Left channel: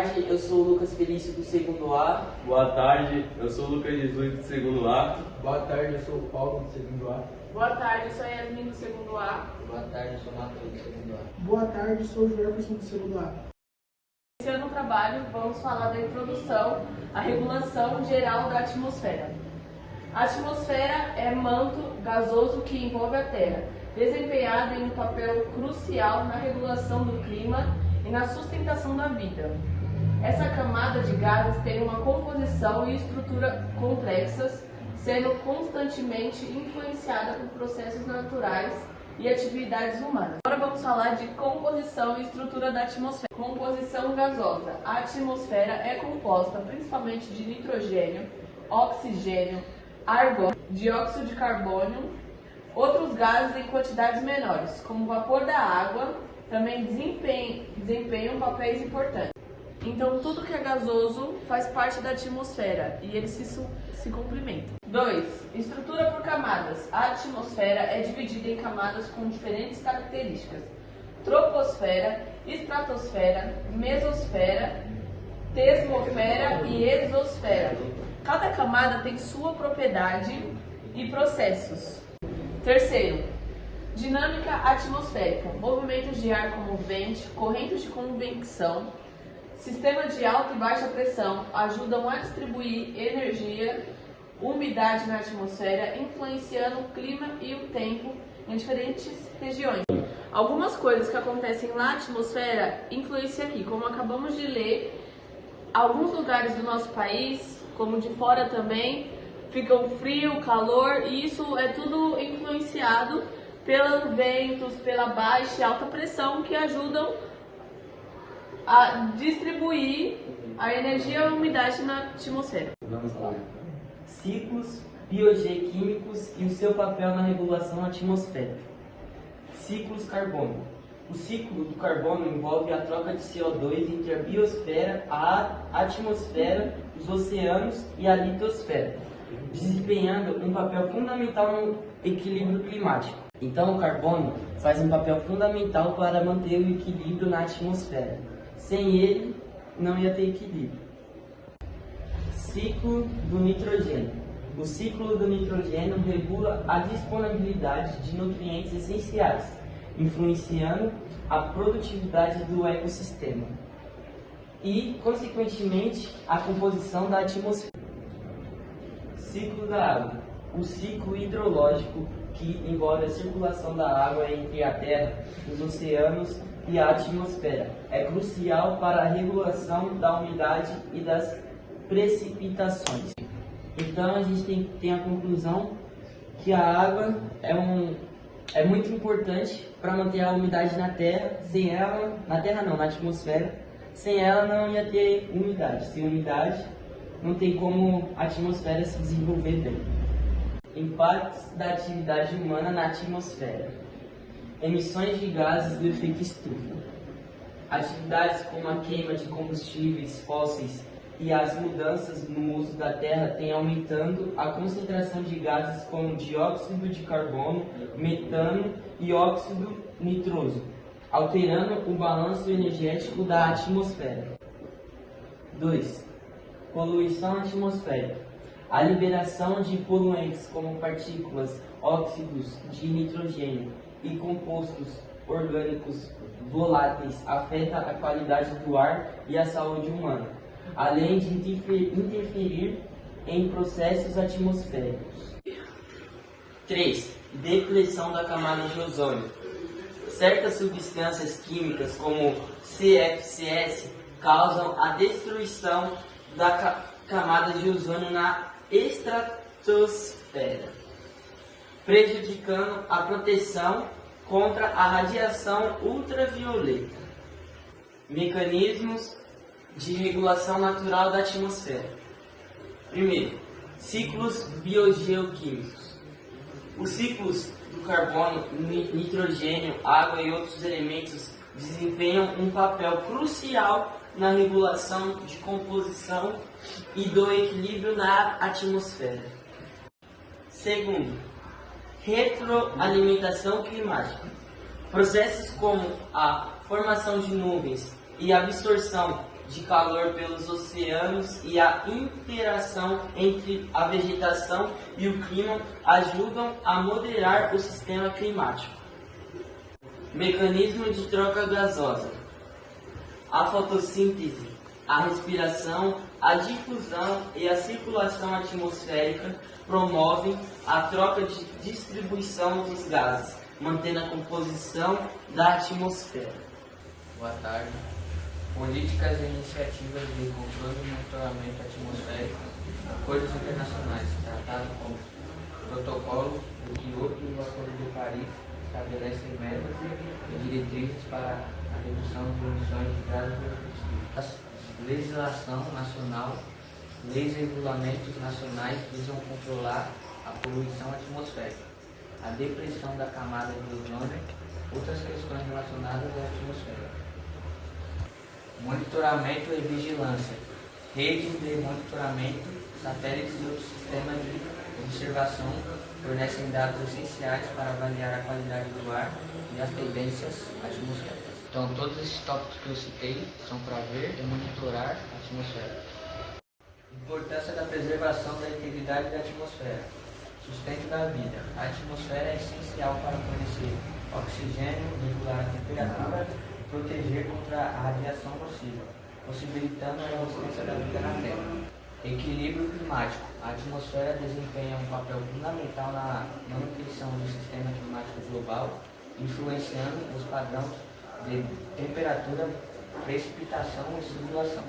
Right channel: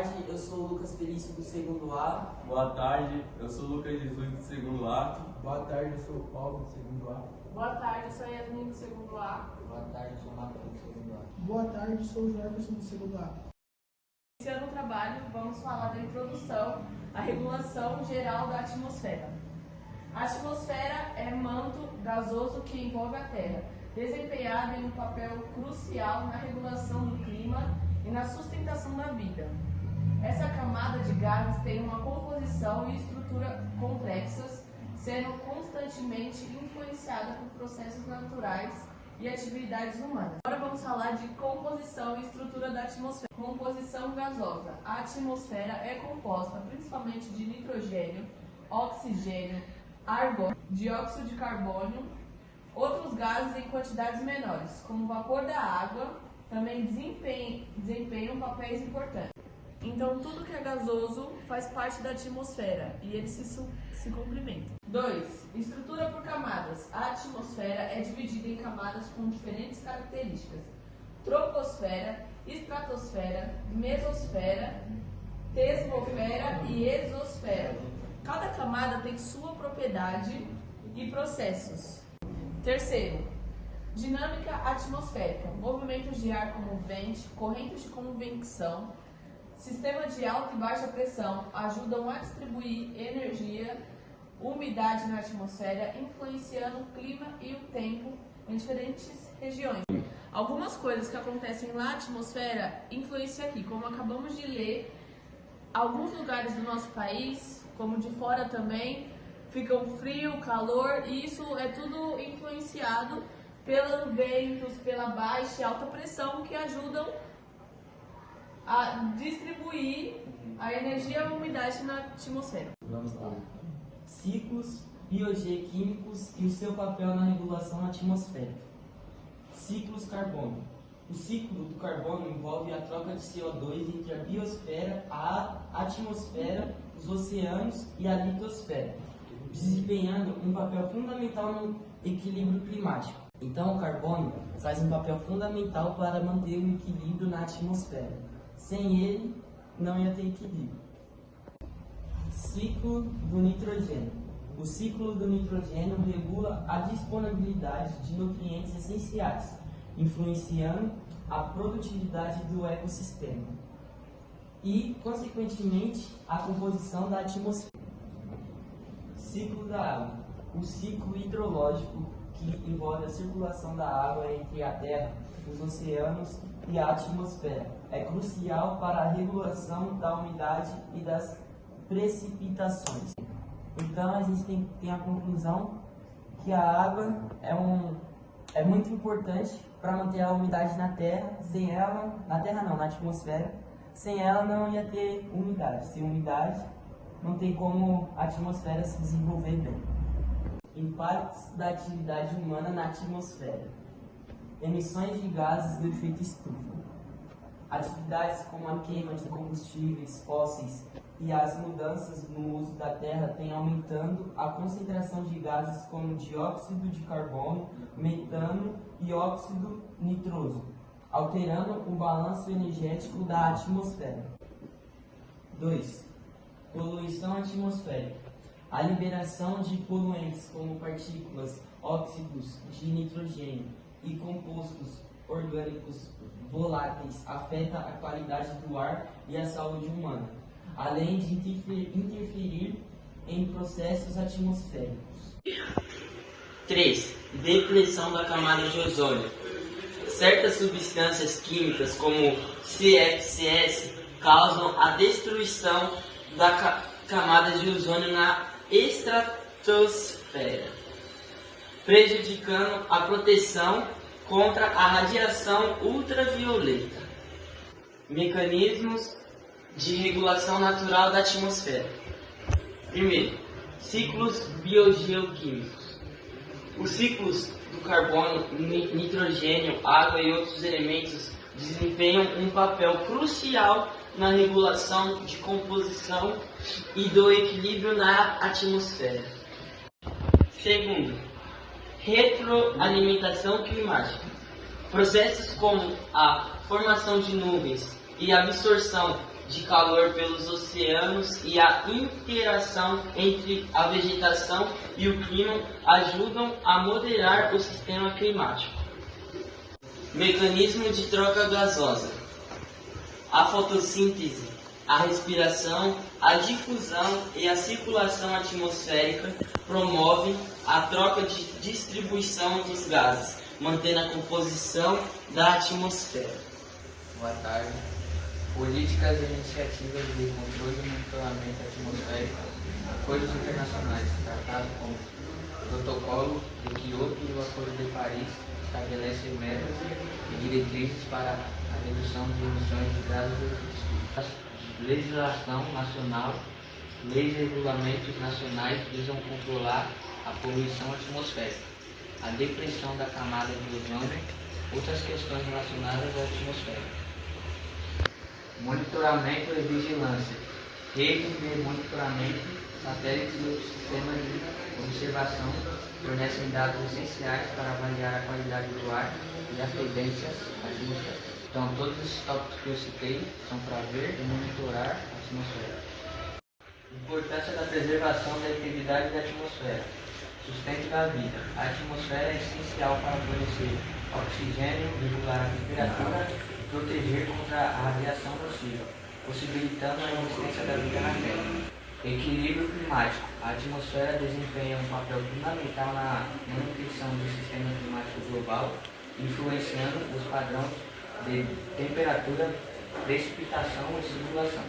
tarde, eu sou o Lucas Felício do segundo A. Boa tarde, eu sou o Lucas Jesus do segundo A. Boa tarde, eu sou o Paulo do segundo A. Boa tarde, eu sou a Yasmin do segundo A. Boa tarde, eu sou o Matheus do segundo A. Boa tarde, sou o Jefferson do segundo A. Iniciando o trabalho, vamos falar da introdução à regulação geral da atmosfera. A atmosfera é manto gasoso que envolve a Terra, desempenhado em um papel crucial na regulação do clima e na sustentação da vida. Essa camada de gases tem uma composição e estrutura complexas, sendo constantemente influenciada por processos naturais e atividades humanas. Agora vamos falar de composição e estrutura da atmosfera. Composição gasosa. A atmosfera é composta principalmente de nitrogênio, oxigênio, argônio, dióxido de carbono, outros gases em quantidades menores, como o vapor da água, também desempenham papéis importantes. Então, tudo que é gasoso faz parte da atmosfera e eles se complementam. 2. Estrutura por camadas. A atmosfera é dividida em camadas com diferentes características: troposfera, estratosfera, mesosfera, termosfera e exosfera. Cada camada tem sua propriedade e processos. Terceiro, dinâmica atmosférica. Movimentos de ar comovente, correntes de convecção, sistema de alta e baixa pressão ajudam a distribuir energia, umidade na atmosfera, influenciando o clima e o tempo em diferentes regiões. Algumas coisas que acontecem na atmosfera influenciam aqui, como acabamos de ler. Alguns lugares do nosso país, como de fora também, ficam frio, calor, e isso é tudo influenciado pelos ventos, pela baixa e alta pressão que ajudam a distribuir a energia e a umidade na atmosfera. Vamos lá. Ciclos biogeoquímicos e o seu papel na regulação atmosférica. Ciclos carbono. O ciclo do carbono envolve a troca de CO2 entre a biosfera, a atmosfera, os oceanos e a litosfera, desempenhando um papel fundamental no equilíbrio climático. Então, o carbono faz um papel fundamental para manter o equilíbrio na atmosfera. Sem ele, não ia ter equilíbrio. Ciclo do nitrogênio. O ciclo do nitrogênio regula a disponibilidade de nutrientes essenciais, influenciando a produtividade do ecossistema e, consequentemente, a composição da atmosfera. Ciclo da água. O ciclo hidrológico que envolve a circulação da água entre a Terra, os oceanos e a atmosfera é crucial para a regulação da umidade e das precipitações. Então a gente tem a conclusão que a água é muito importante para manter a umidade na Terra. Sem ela, na atmosfera, sem ela não ia ter umidade. Sem umidade não tem como a atmosfera se desenvolver bem. Impactos da atividade humana na atmosfera. Emissões de gases do efeito estufa. Atividades como a queima de combustíveis fósseis e as mudanças no uso da terra têm aumentando a concentração de gases como dióxido de carbono, metano e óxido nitroso, alterando o balanço energético da atmosfera. 2. Poluição atmosférica. A liberação de poluentes como partículas, óxidos de nitrogênio e compostos orgânicos voláteis afeta a qualidade do ar e a saúde humana, além de interferir em processos atmosféricos. 3. Depressão da camada de ozônio. Certas substâncias químicas, como CFCs, causam a destruição da camada de ozônio na estratosfera, prejudicando a proteção contra a radiação ultravioleta. Mecanismos de regulação natural da atmosfera. Primeiro, ciclos biogeoquímicos. Os ciclos do carbono, nitrogênio, água e outros elementos desempenham um papel crucial na regulação de composição e do equilíbrio na atmosfera. Segundo, retroalimentação climática. Processos como a formação de nuvens e absorção de calor pelos oceanos e a interação entre a vegetação e o clima ajudam a moderar o sistema climático. Mecanismo de troca gasosa. A fotossíntese, a respiração, a difusão e a circulação atmosférica promovem a troca de distribuição dos gases, mantendo a composição da atmosfera. Boa tarde. Políticas e iniciativas de controle e monitoramento atmosférico, acordos internacionais, tratados como Protocolo de Kyoto e o Acordo de Paris estabelecem metas e diretrizes para a redução de emissões de gases de efeito estufa. Legislação nacional, leis e regulamentos nacionais visam controlar a poluição atmosférica, a depressão da camada de ozônio, outras questões relacionadas à atmosfera. Monitoramento e vigilância, redes de monitoramento, satélites e outros sistemas de observação fornecem dados essenciais para avaliar a qualidade do ar e as tendências atmosféricas. Então, todos esses tópicos que eu citei são para ver e monitorar a atmosfera. Importância da preservação da integridade da atmosfera. Sustento da vida. A atmosfera é essencial para fornecer oxigênio, regular a temperatura e proteger contra a radiação nociva, possibilitando a existência da vida na Terra. Equilíbrio climático. A atmosfera desempenha um papel fundamental na manutenção do sistema climático global, influenciando os padrões de temperatura, precipitação e circulação.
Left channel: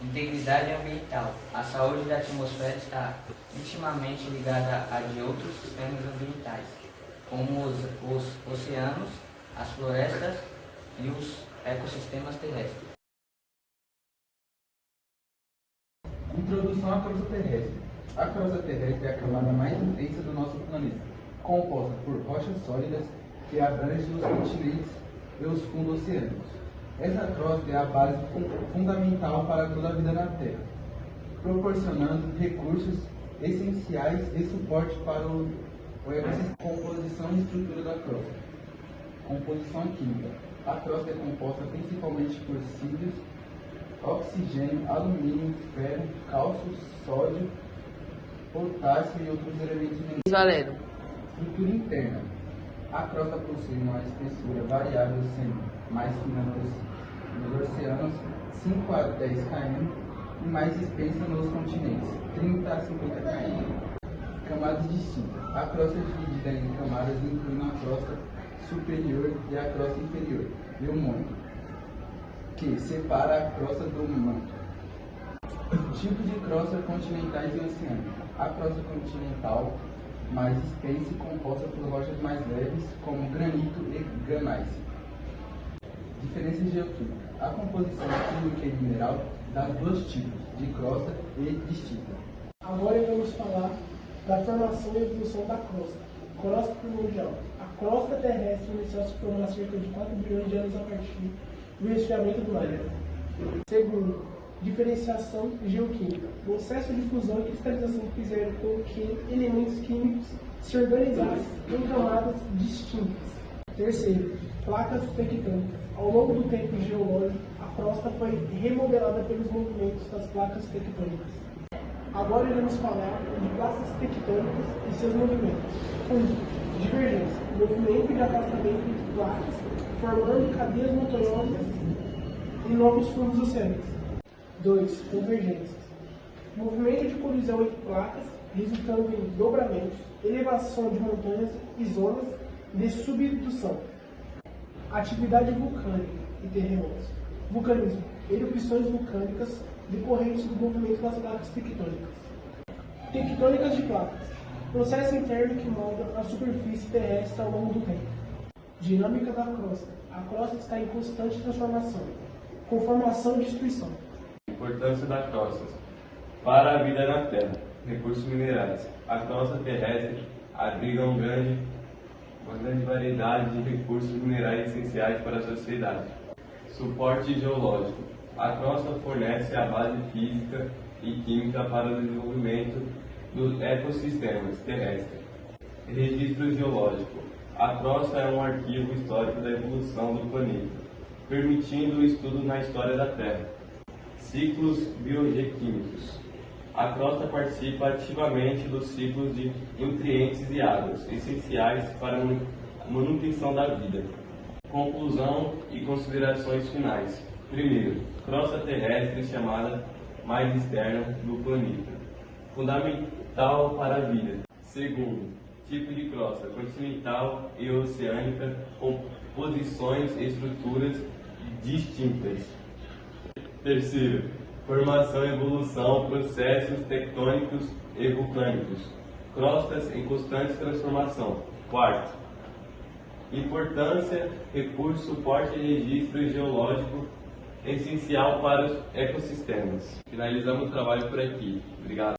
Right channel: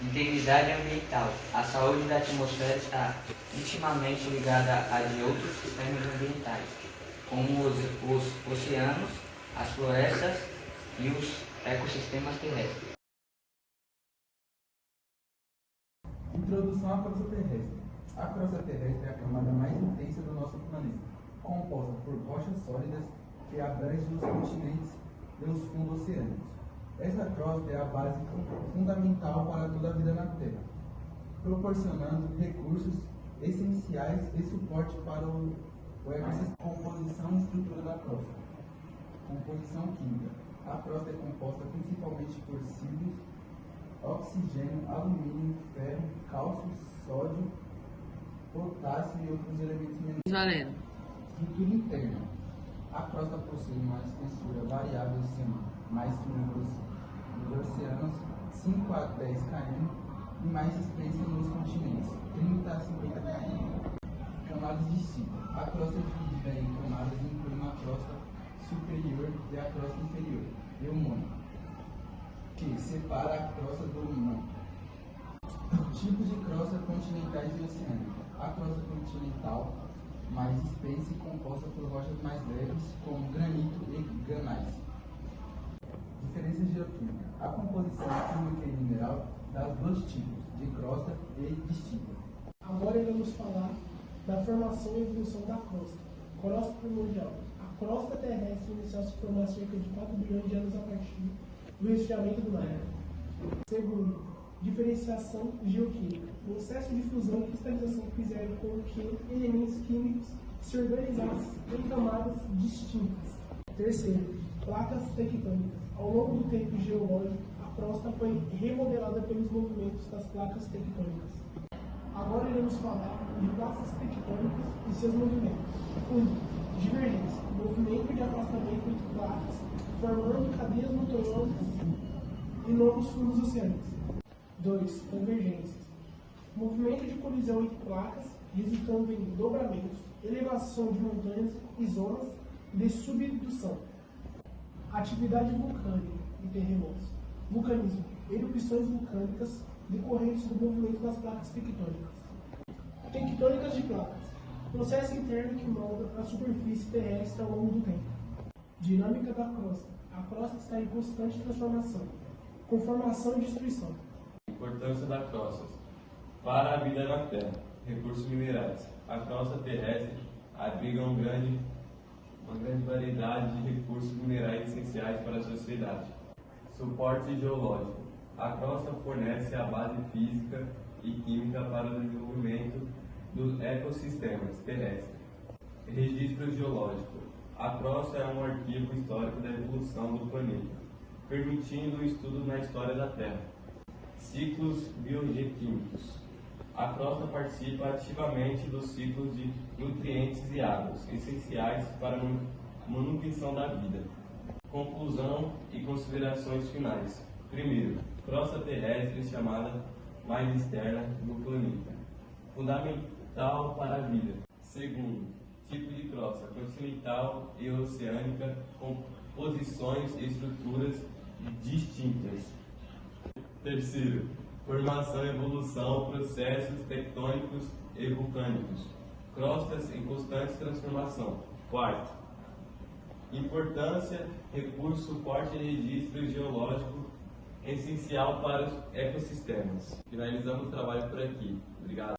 Integridade ambiental. A saúde da atmosfera está intimamente ligada à de outros sistemas ambientais, como os oceanos, as florestas e os ecossistemas terrestres. Introdução à crosta terrestre. A crosta terrestre é a camada mais intensa do nosso planeta, composta por rochas sólidas que abrangem os continentes e os fundos oceânicos. Essa crosta é a base fundamental para toda a vida na Terra, proporcionando recursos essenciais e suporte para o ecossistema. Composição e estrutura da crosta. Composição química. A crosta é composta principalmente por sílios, oxigênio, alumínio, ferro, cálcio, sódio, potássio e outros elementos minerais. Valério. Estrutura interna. A crosta possui uma espessura variável, sendo mais fina nos oceanos, 5 a 10 km, e mais espessa nos continentes, 30 a 50 km. Camadas distintas. A crosta é dividida em camadas, incluindo a crosta superior e a crosta inferior, e o manto, que separa a crosta do manto. Tipos de crosta continentais e oceânicas. A crosta continental mais espessa e composta por rochas mais leves, como granito e granácea. Diferença geoquímica. A composição química e mineral das dois tipos, de crosta e distinta. Agora vamos falar da formação e evolução da crosta. Crosta primordial. A crosta terrestre iniciou a se formar cerca de 4 bilhões de anos a partir do resfriamento do mar. Segundo, diferenciação geoquímica. Processo de fusão e cristalização fizeram com que elementos químicos se organizassem em camadas distintas. Terceiro, placas tectônicas. Ao longo do tempo geológico, a crosta foi remodelada pelos movimentos das placas tectônicas. Agora iremos falar de placas tectônicas e seus movimentos. 1. Divergência. Movimento de afastamento entre placas, formando cadeias montanhosas e novos fundos oceânicos. 2. Convergências. Movimento de colisão entre placas, resultando em dobramentos, elevação de montanhas e zonas de subdução. Atividade vulcânica e terremotos. Vulcanismo. Erupções vulcânicas decorrentes do movimento das placas tectônicas. Tectônicas de placas. Processo interno que molda a superfície terrestre ao longo do tempo. Dinâmica da crosta. A crosta está em constante transformação, com formação e destruição. Importância da crosta para a vida na Terra. Recursos minerais. A crosta terrestre abriga uma grande variedade de recursos minerais essenciais para a sociedade. Suporte geológico. A crosta fornece a base física e química para o desenvolvimento dos ecossistemas terrestres. Registro geológico. A crosta é um arquivo histórico da evolução do planeta, permitindo o estudo na história da Terra. Ciclos biogeoquímicos. A crosta participa ativamente dos ciclos de nutrientes e águas, essenciais para a manutenção da vida. Conclusão e considerações finais. Primeiro, crosta terrestre chamada mais externa do planeta. Fundamental para a vida. Segundo, tipo de crosta continental e oceânica com posições e estruturas distintas. Terceiro, formação e evolução, processos tectônicos e vulcânicos. Crostas em constante transformação. Quarto, importância, recurso, suporte e registro geológico essencial para os ecossistemas. Finalizamos o trabalho por aqui. Obrigado.